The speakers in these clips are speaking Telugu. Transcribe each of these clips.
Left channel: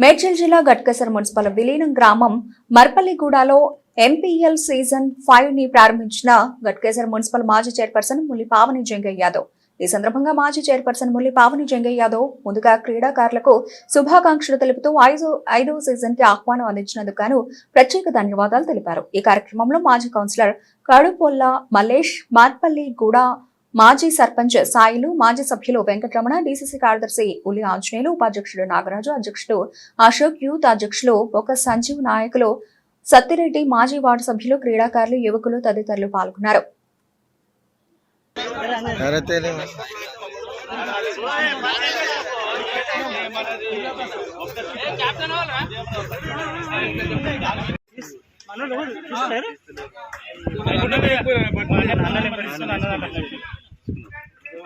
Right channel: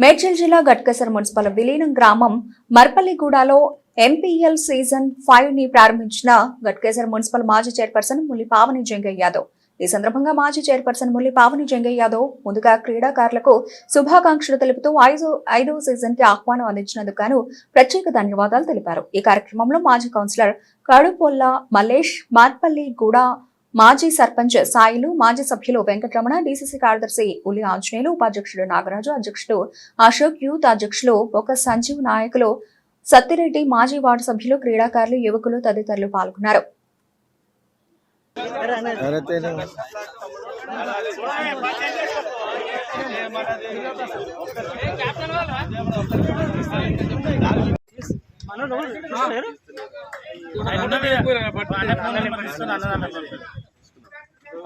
మేడ్చల్ జిల్లా గట్కేసర్ మున్సిపల్ విలీనం గ్రామం మర్పల్లిగూడలో ఎంపీఎల్ సీజన్ ఫైవ్ని ప్రారంభించిన గట్కేసర్ మున్సిపల్ మాజీ చైర్పర్సన్ ముల్లి పావని జంగయ్య యాదవ్. ఈ సందర్భంగా మాజీ చైర్పర్సన్ ముల్లి పావని జంగయ్య యాదవ్ ముందుగా క్రీడాకారులకు శుభాకాంక్షలు తెలుపుతూ ఐదు ఐదవ సీజన్కి ఆహ్వానం అందించినందుకు గాను ప్రత్యేక ధన్యవాదాలు తెలిపారు. ఈ కార్యక్రమంలో మాజీ కౌన్సిలర్ కడుపొల్ల మల్లేష్ మార్పల్లి గూడ మాజీ సర్పంచ్ సాయిలు మాజీ సభ్యులు వెంకటరమణ డీసీసీ కార్యదర్శి ఉలి ఆంజనేయులు ఉపాధ్యక్షుడు నాగరాజు అధ్యక్షుడు అశోక్ యూత్ అధ్యక్షులు ఒక సంజీవ్ నాయకులు సత్తిరెడ్డి మాజీ వార్డు సభ్యులు క్రీడాకారులు యువకులు తదితరులు పాల్గొన్నారు.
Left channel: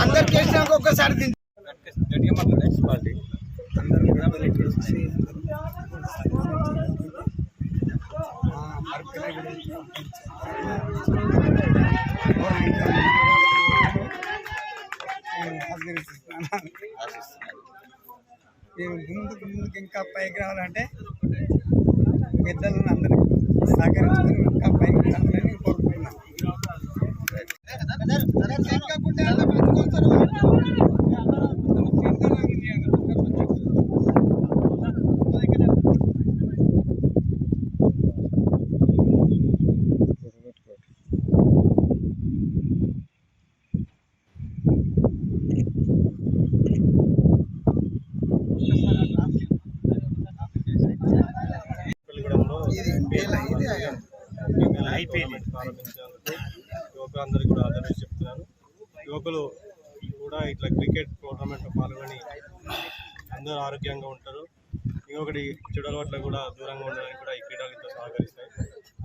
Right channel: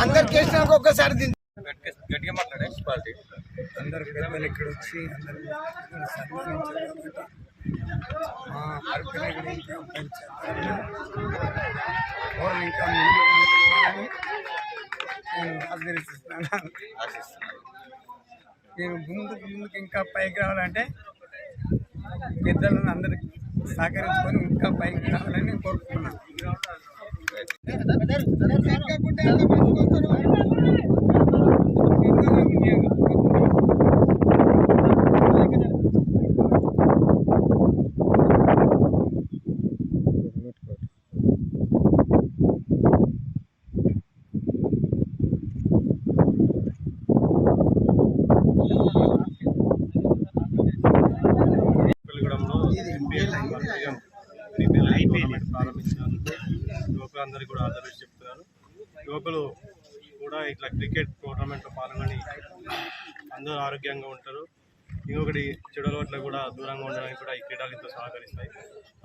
అందరు చేసినాక ఒక్కసారి గట్టిగా మాట్లాడే మున్సిపాలిటీ అందరు పెద్దలు ఇక్కడ వచ్చి అందరూ సన్మానించారు. కాబట్టి మా మరపల్లి నేను ఆశీర్వదిస్తున్నాను మీరు ముందుకు ముందుకు ఇంకా పైకి రావాలంటే పెద్దలను అందరికి సహకరించుకొని ఇంకా పైకి రావాలని నేను కోరుకుంటున్నాను పెళ్ళిగూడెంలో టోర్నమెంట్ ప్రారంభించినందుకు యువకులందరికీ కూడా ఆదరణ చెప్తున్నాను యువకులు కూడా ఇట్లా క్రికెట్ టోర్నమెంట్లో పాల్గొని అందరూ ఆరోగ్యంగా ఉంటారు. ఇంకొకటి చెడు అలవాట్లకు కూడా దూరంగా ఉండడానికి కూడా ఈ క్రీడలు ఎంతో సహకరిస్తాయి.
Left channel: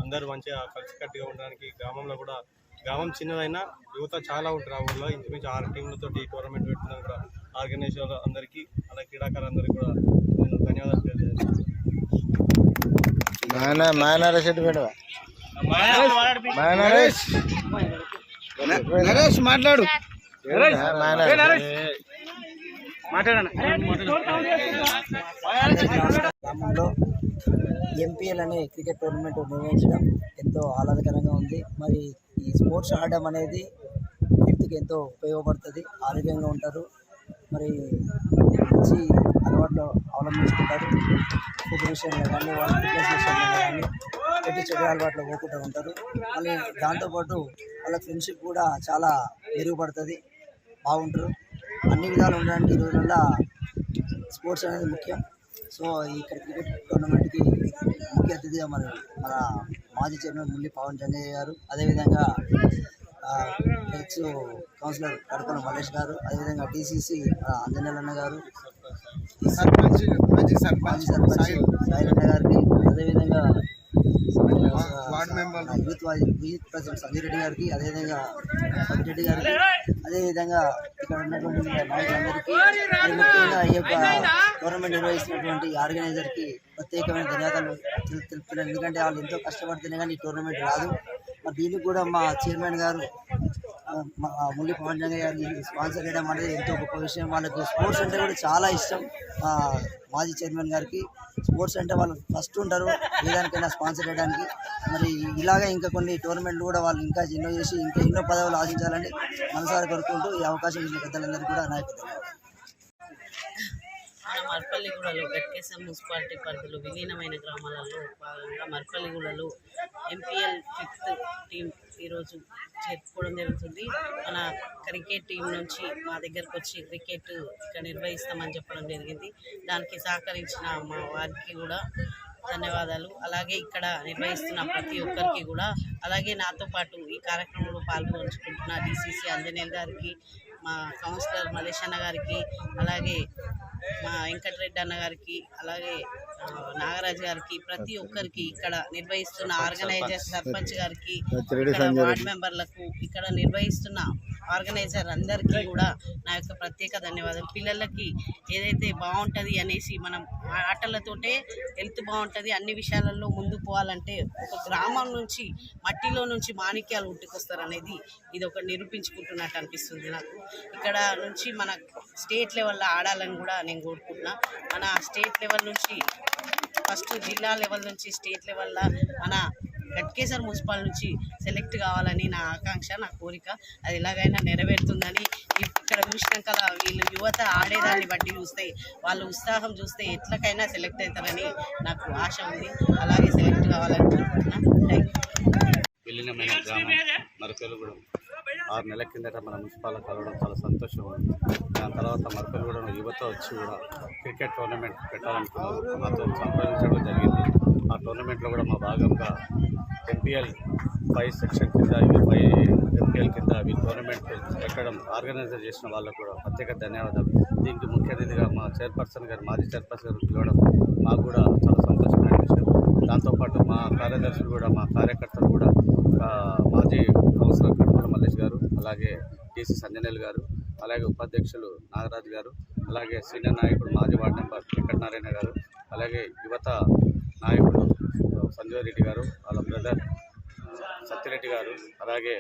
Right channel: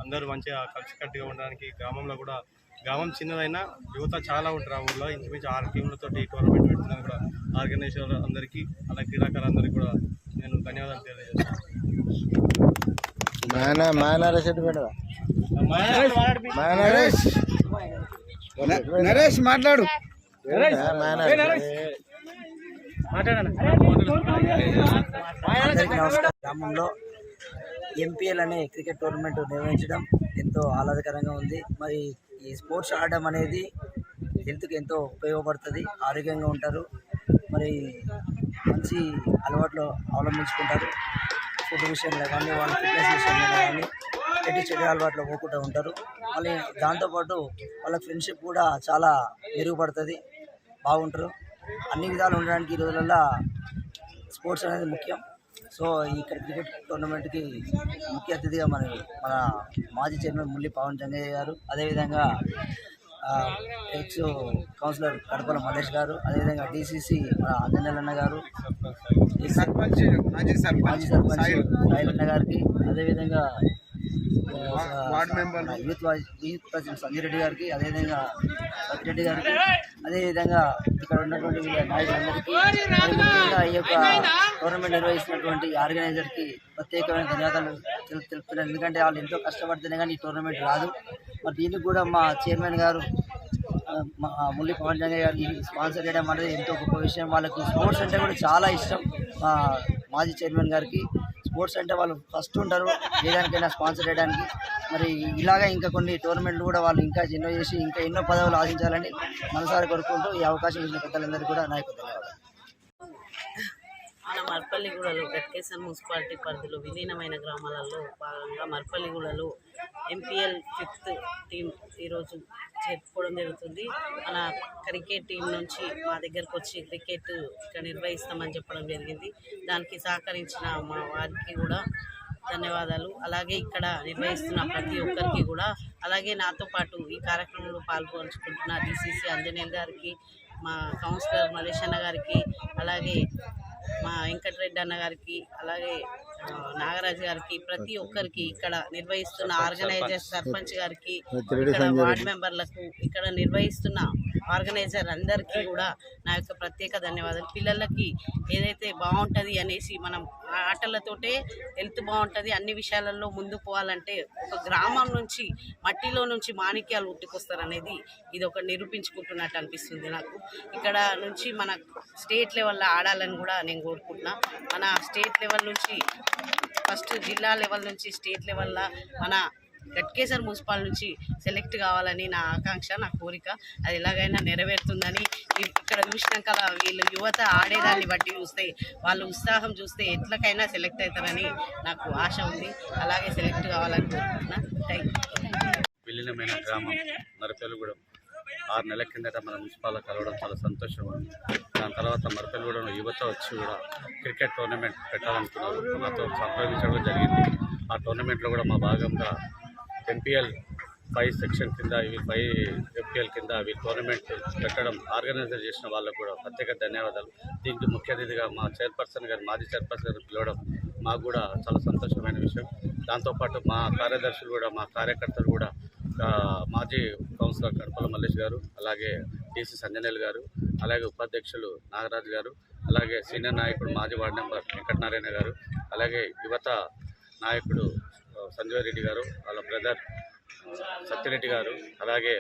అందరూ మంచిగా కలిసికట్టుగా ఉండడానికి గ్రామంలో కూడా గ్రామం చిన్నదైనా యువత చాలా ఉంటారు ఆ ఊళ్ళో ఇంచుమించు ఆరు టీంలతో ఈ టోర్నమెంట్ పెట్టినందుకు కూడా ఆర్గనైజర్ అందరికీ అలాగే క్రీడాకారులందరికీ కూడా నేను ధన్యవాదాలు తెలియజేస్తాను మాయన పెట్టవా నరేష్ నరేష్ మాట్లాడు. గ్రామంలో ఎంపీఎల్ అనే క్రికెట్ టోర్నమెంట్ నిర్వహించడం ఎంతో ఆహ్లాదకరంగా ఉంది. మరి ఈ స్పోర్ట్స్ ఆడడం అనేది హెల్త్కి ఎంతో ఉపయోగపడుతుంది. ఆరోగ్యంగా ఉంటారు. మరి మంచి అలవాట్లు అవలంబించుకుంటారు. ఫుడ్ విషయంలో కానీ వాళ్ళ ఫిట్నెస్ విషయంలో కానీ ఎట్టి చెడు అలవాట్లు పోకుండా ఉంటారు. మళ్ళీ దాంతోపాటు వాళ్ళ ఫ్రెండ్షిప్ కూడా చాలా మెరుగుపడుతుంది. బాగుంటారు. అన్ని విధాలు ఉండడానికి ఈ రోజులలో స్పోర్ట్స్ అనేది ముఖ్యం. సో ఇక్కడ క్రికెట్ టోర్నమెంట్కి ముఖ్య అతిథిగా మన మన మాజీ చైర్మన్ ముల్లి పవన్ జంగయ్య గారు అదేవిధంగా ఎక్స్ కౌన్సిలర్ కడపల మల్లేష్ గారు అదేవిధంగా డీసీసీ అంజనేలన్న గారు మాజీ సర్పంచ్ సర్పంచ్ సాయిలన్న గారికి అదేవిధంగా youth youth president Sanjay Reddy గారికి అదేవిధంగా సత్యరెడ్డి గారికి అదేవిధంగా ఇక్కడ ఉన్నటువంటి నాయకులందరికీ మరి ముఖ్యంగా ఈ యొక్క టోర్నమెంట్ నిర్వహిస్తున్నటువంటి ఆర్గనైజర్కి ప్రత్యేకమైన ధన్యవాదాలు తెలు- తెలుపుతున్నాను. ఎందుకంటే వాళ్ళు ఎంతో కష్టపడితేనే కానీ ఈ టోర్నమెంట్ రాదు. మరి దీనికి కూడా మా చైర్మన్ గారు మా ముల్లి పవన్ గారు గారిని స్పాన్సర్ చేయడం అనేది ఎంతో గొప్ప విషయం. వాళ్ళకి స్పోర్ట్స్ అంటే కూడా చాలా ఇష్టం. మా మాజీ చైర్మన్ గారికి స్పోర్ట్స్ అంటే వాళ్ళు ఫస్ట్ ఉంటారు ఏదానికైనా స్పాన్సర్ చేయడానికి. మరి ఇలాగే ఇంకా కొన్ని టోర్నమెంట్లు కూడా వాళ్ళు ఇంకా ఎన్నో చేసి ఇంకా ఎన్నో పదవులు ఆశించాలని మనసారి కోరుకుంటూ ఈ అవకాశం ఇచ్చిన పెద్దలందరికీ కూడా నాయకు ధన్యవాదాలు. మర్పల్లిగూడలో గట్కేసర్ మున్సిపాలిటీ పరిధిలో విలీనమైన గ్రామాలలో భాగంగా మర్పల్లిగూడలో ఎంపీఎల్ ఫిఫ్త్ టీం ఈరోజు జరుపుకోవడం జరుగుతుంది. మన క్రికెట్ టీం నుంచి మా దగ్గరకు వచ్చి క్రికెట్ ఇక్కడ నిర్వహిస్తామని చెప్పడం జరిగింది. దానికి సహకరించిన మా వారికి కూడా ధన్యవాదాలు. అలాగే ఇక్కడ నిర్వహిస్తున్న ప్రతి ఒక్కరికి కూడా అలాగే నాతో పాటు ఈ కార్యక్రమంలో పాల్గొంచుకుంటున్న డిసిసి అంజనేయులు గారికి మా కౌన్సిలర్ మలేషన్న గారికి అలాగే మా వెంకటరెడ్డి అన్న గారికి అలాగే నాగరాజు గారికి ప్రతి ఒక్కరికి ఇక్కడ నిర్వహిస్తున్న ఆర్గనైజర్ సర్పంచ్. గారికి ఇక్కడ వార్డ్ మెంబర్లకు ఇక్కడ నిర్వహిస్తున్న ఆర్గనైజర్ అందరికీ కూడా నా యొక్క ప్రత్యేక ధన్యవాదాలు. పిల్లలకి ఏదైతే బాగుంటుంది అనేసి మనం ఆటలతోటే హెల్త్ బాగుంటుంది అన్ని విషయాలలో ముందు పోవాలంటే ఒక గ్రామం నుంచి మట్టిలో నుంచి మాణిక్యాలు ఉట్టుకొస్తారు అనేది ఇది ఒక నిరూపించుకుంటున్నట్టు అనిపిస్తుంది నాకు. ఇక్కడ నుంచి మన స్టేట్ లెవెల్లో ఆడాలని కూడా నేను కోరుకుంటున్నా. మన స్టేట్ లెవెల్ నుంచి ఫస్ట్ జిల్లా లెవెల్ నుంచి స్టేట్ లెవెల్లో మన గట్కేసర్ మున్సిపల్ నుంచి సెలెక్ట్ కావాలని నా ఆకాంక్ష నా కోరిక. అది ఎలాగైనా నెరవేరుతుందని ఇక్కడ చూసినాక వీళ్ళు యువత ఆడేదాన్ని బట్టి చూస్తే వాళ్ళ ఉత్సాహం చూస్తే ఎట్లకైనా సెలెక్ట్ అవుతారని నాకు ఆశ ఉంది. అలాగే సెలెక్ట్ కావాలని కోరుకుంటున్నా. థ్యాంక్ యూ గ్రామం ఆరు నెలల కిందట మన మున్సిపాల్ కలవడం చాలా సంతోషం ఉంది. దాని తర్వాత మరపెలుగూడెం యువత వచ్చి కూడా క్రికెట్ టోర్నమెంట్ పెట్టాలనుకున్నారు. మాతో సంప్రదించడం జరిగింది. ఆ టోర్నమెంట్లో కూడా మా భాగంగా ఎంపీఎల్ ఫైవ్ సెక్షన్ కింద ఇవి ఫైవ్ ఎంపీఎల్ కింద ఈ టోర్నమెంట్ పెట్టడం ఆర్గనైజర్ చేసిన వాళ్ళకు కూడా ప్రత్యేక ధన్యవాదాలు. దీనికి ముఖ్య అతిథిగా మా చైర్పర్సన్ గారు మాజీ చైర్పర్సన్ గారు పిలవడం మాకు కూడా చాలా సంతోషమైన విషయం. దాంతోపాటు మా కార్యదర్శులు కూడా మా కార్యకర్తలు కూడా మాజీ కౌన్సిలర్ కడపల మల్లేష్ గారు అలాగే టీసీ సంజనేల్ గారు అలాగే ఉపాధ్యక్షులు నాగరాజు గారు అలాగే సీనియర్ నాయకుడు మాజీ వార్డు నెంబర్ వెంకటనారాయణ గారు అలాగే యువత నాయకుడు సంజయ్ రెడ్డి గారు వాళ్ళ బ్రదర్ సత్యరెడ్డి గారు అలాగే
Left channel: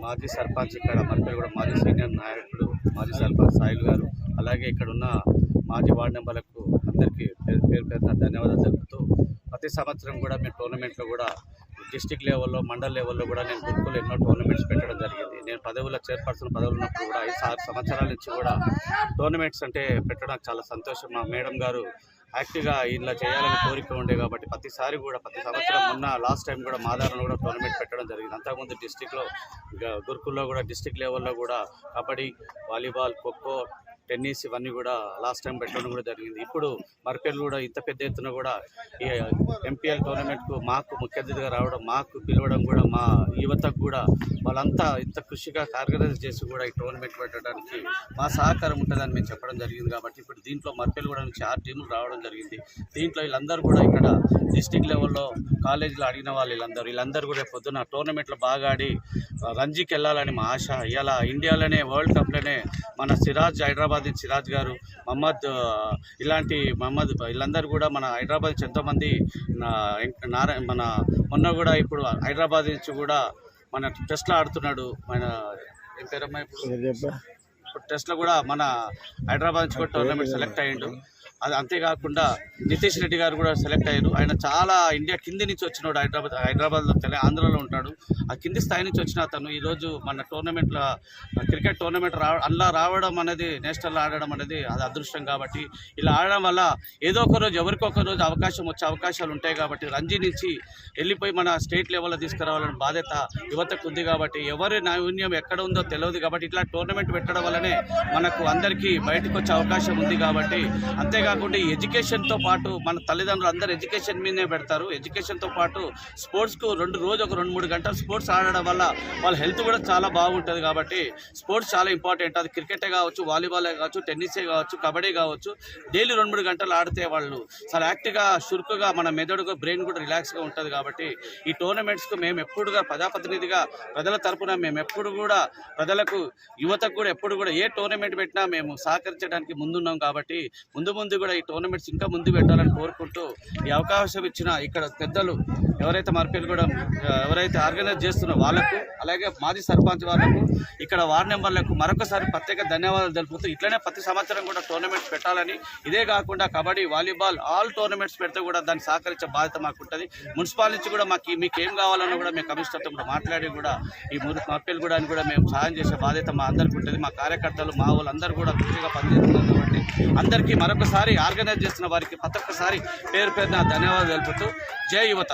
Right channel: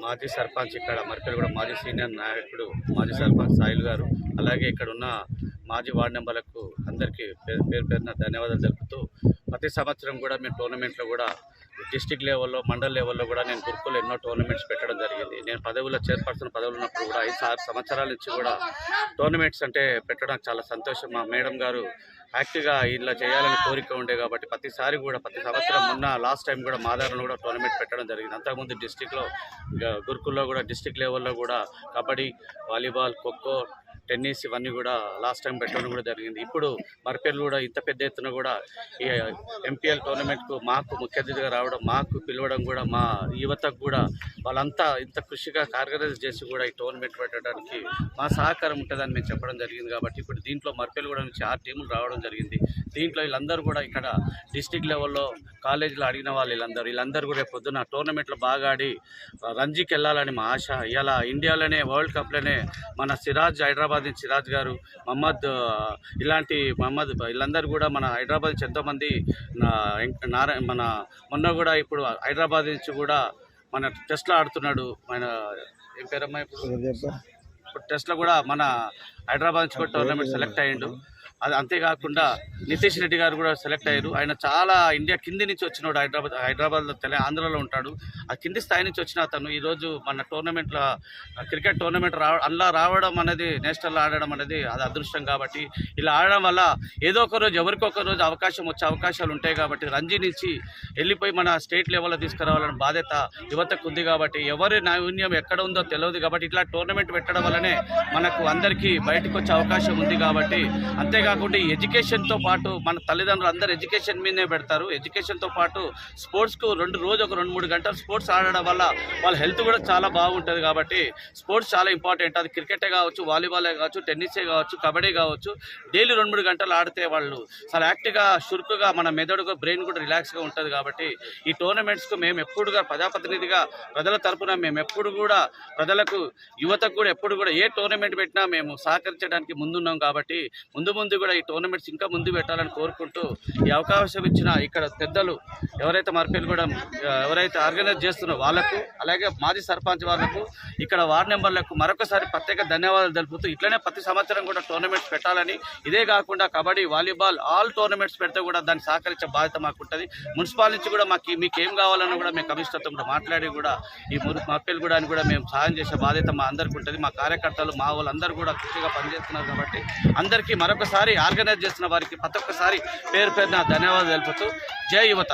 మాజీ సర్పంచ్ ఇక్కడ మరిపల్లి కూడా మాజీ సీనియర్ నాయకుడు మాజీ సర్పంచ్ సాయిల్ గారు అలాగే ఇక్కడ ఉన్న మాజీ వార్డు మెంబర్లకు అందరికీ పేరు పేరు పేరున ధన్యవాదాలు తెలుపుతూ ప్రతి సంవత్సరం కూడా మేము టోర్నమెంట్లో కూడా డిస్టిక్ లెవెల్లో మండల్ లెవెల్లో కూడా నేను గురుకులు ఎన్నో టోర్నమెంట్స్ పెట్టడం జరిగింది. నేను పదవుల్లో చైర్పర్సన్ పదవులు ఉన్నప్పుడు కూడా ఐదు ఆరు సంవత్సరాల నుంచి కూడా టోర్నమెంట్స్ అంటే పెట్టడం చాలా సంతోషం. మా మేడం గారు యాక్టివ్గా ఇలా చేయాలని కోరిక ఉండే కాబట్టి ప్రతిసారి కూడా ప్రతి సంవత్సరం మొన్న లాస్ట్ టైం కూడా మాదారంలో కూడా టోర్నమెంట్ పెట్టడం జరిగింది. అంతకుముందు డిస్టిక్లో గురుకుల్లో కూడా డిస్టిక్ లెవెల్లో కూడా కబడ్డీ వాలీబాల్ ఖోఖో టెన్నిస్ ఇవన్నీ కూడా లాస్ట్ టైం పెట్టడం కూడా జరిగింది. ఇప్పుడు మరిపేర్లు కూడా ఇంత పెద్ద ఎత్తున కూడా ఈ ఎంపీఎల్ టోర్నమెంట్కు మాకు ముఖ్య అతిథిగా రావడం మాకు పిలవడం కూడా మా యువతకు కూడా వాళ్ళంతా ఇంత కృషిగా ఆర్గనైజ్ చేసి కూడా ఈ టోర్నమెంట్ పెట్టడానికి మా సహకారం ఉంటుందని మేము చెప్పడం జరిగింది కాబట్టి ఇప్పుడు దీంట్లో మరిపేర్లు కూడా నుంచి ఆరు టీములు రావడం జరిగింది. దీంట్లో వీళ్ళందరూ కూడా ఇక్కడ డిస్టిక్ లెవెల్లో కాలేజీలో అడిగిన వాళ్ళు వీళ్ళందరూ. వీళ్ళందరూ కూడా రేపు పొద్దున్న టోర్నమెంట్లో బాగా ఆడి రంజీకి వెళ్ళాలని మా ఆశ. ఇలా ఇండియాలోనే వరల్డ్ కప్లోనే మన సిరాజ్ హైదరాబాద్ నుంచి సిరాజ్ గారు మహమ్మద్ ఇలాంటి మహమ్మద్ వీళ్ళందరూ కూడా మన హైదరాబాద్ నుంచి ఎంతోమంది నారాయణ మన మొన్న కూడా ఇప్పుడు హైదరాబాద్ నుంచి కూడా మన టెస్ట్లో ఆడుతున్నాడు మన ఏం పేరమ్మా ఇప్పుడు? ఇప్పుడు టెస్ట్లో కూడా మన హైదరాబాద్ నుంచి కూడా టోర్నమెంట్ సెలెక్ట్ అయ్యిండు. అది అంతేకాకుండా నితీష్ రెడ్డి గారు కూడా సెలెక్ట్ అయ్యారు. ఆయన చాలా ఇండియా కింది నుంచి వచ్చినాడు హైదరాబాద్ హైదరాబాద్లో తెల ఆంధ్రాలో ఉంటాడు. ఆ కింది స్థాయి నుంచి వచ్చిన అతను ఈరోజు మన టోర్నమెంట్లో క్రికెట్ టోర్నమెంట్ రావ అందులో రావడం అనేది నేషనల్ ఆడడం అనేది అది అదృష్టం కాబట్టి ఇలా ఆడడం వల్ల ఏదో ఒక రోజు ఎవరికొక రోజు అవకాశం వచ్చే అవకాశాలు ఉంటాయి కాబట్టి రంజీ నుంచి వెళ్ళిపోయి మన స్టేట్ లెవెల్లో తీసుకురావాలని బాధ్యత యువతకు ఉంది కాబట్టి ఎవరి నైపుణ్యం ఎక్కడ ఉందో తెలియదు కాబట్టి ఇట్లా టోర్నమెంట్ పెట్టడం వల్లనే మనకు అందరికీ బయటకు వచ్చే అవకాశం ఉంది కాబట్టి అంతేగా కాకుండా ఎడ్యుకేషన్తో పాటు మన తల్లిదండ్రులు అందరూ ఎడ్యుకేషన్ మీదనే పెడతారు. ఎడ్యుకేషన్తో పాటు స్పోర్ట్స్కు రెండు రోజు ఒక రెండు మూడు గంటలు స్పోర్ట్స్ ఆడడం వల్ల వాళ్ళ హెల్త్ కూడా చాలా బాగుంటుంది కాబట్టి స్పోర్ట్స్ చాలా ఇంపార్టెంట్ అది క్రికెటే కావచ్చు వాలీబాలే కావచ్చు టెన్నిసే కావచ్చు కబడ్డీ కావచ్చు డైలీ రెండు మూడు గంటలు ఆడితే వాళ్ళు చాలా యాక్టివ్గా చురుకుగా మన మెదడుగా బ్రెయిన్ కూడా రిలాక్స్గా ఉంటుంది కాబట్టి ఈ టోర్నమెంట్స్కు మేము ఎప్పుడుగా ప్రజాప్రతినిధిగా ప్రజల తరపున మేము ఎప్పుడు కూడా ప్రజలకు యువతకు కూడా ఎప్పుడు కూడా ఏ టోర్నమెంట్ పెట్టినా మేము సహకరించడానికి ముందున్నాం కాబట్టి ముందు ముందు కూడా ఈ టోర్నమెంట్స్ ఇంకా ముందు పెట్టాలని కోరుకుంటూ ఈ అవకాశం ఇచ్చిన ఇక్కడ పెద్దలు ఎవరైతే మార్పేలు కూడా ఎవరైతే ఆర్గనైజ్ చేస్తున్నారో వాళ్ళకు అలాగే మాజీ సర్పంచ్ వాళ్ళకు ఇక్కడ వార్డ్ మెంబర్లకు మరొకసారి ప్రత్యేక ధన్యవాదాలు తెలుపుతూ ఇట్లనే ప్రతి సంవత్సరం కూడా టోర్నమెంట్స్ పెట్టాలని. ఇదే కాకుండా కబడ్డీ వాలీబాల్ ఆల్ టోర్నమెంట్స్ పెడితే కూడా దాన్ని సహకరించే బాధ్యత మాకు ఉంటుంది మున్సిపాల్ నుంచి కూడా మాకు మీకు ఏం కావాలన్నా కూడా మేము కమిషనర్తో కూడా మాట్లాడి కూడా ఈ మురు మర్పేలు కూడా కూడా మేము సహాయం చేసే బాధ్యత మా అందరికీ ఉంటుంది మా కార్యకర్తలు మా వాళ్ళందరూ కూడా కృషిగా పనిచేస్తున్నారు కాబట్టి అందరికీ మరొకసారి ఆర్గనైజ్ చేసిన వారికి ప్రతి ఒక్కసారి పేరు పేరున ధన్యవాదాలు తెలుపుతూ జై యువత.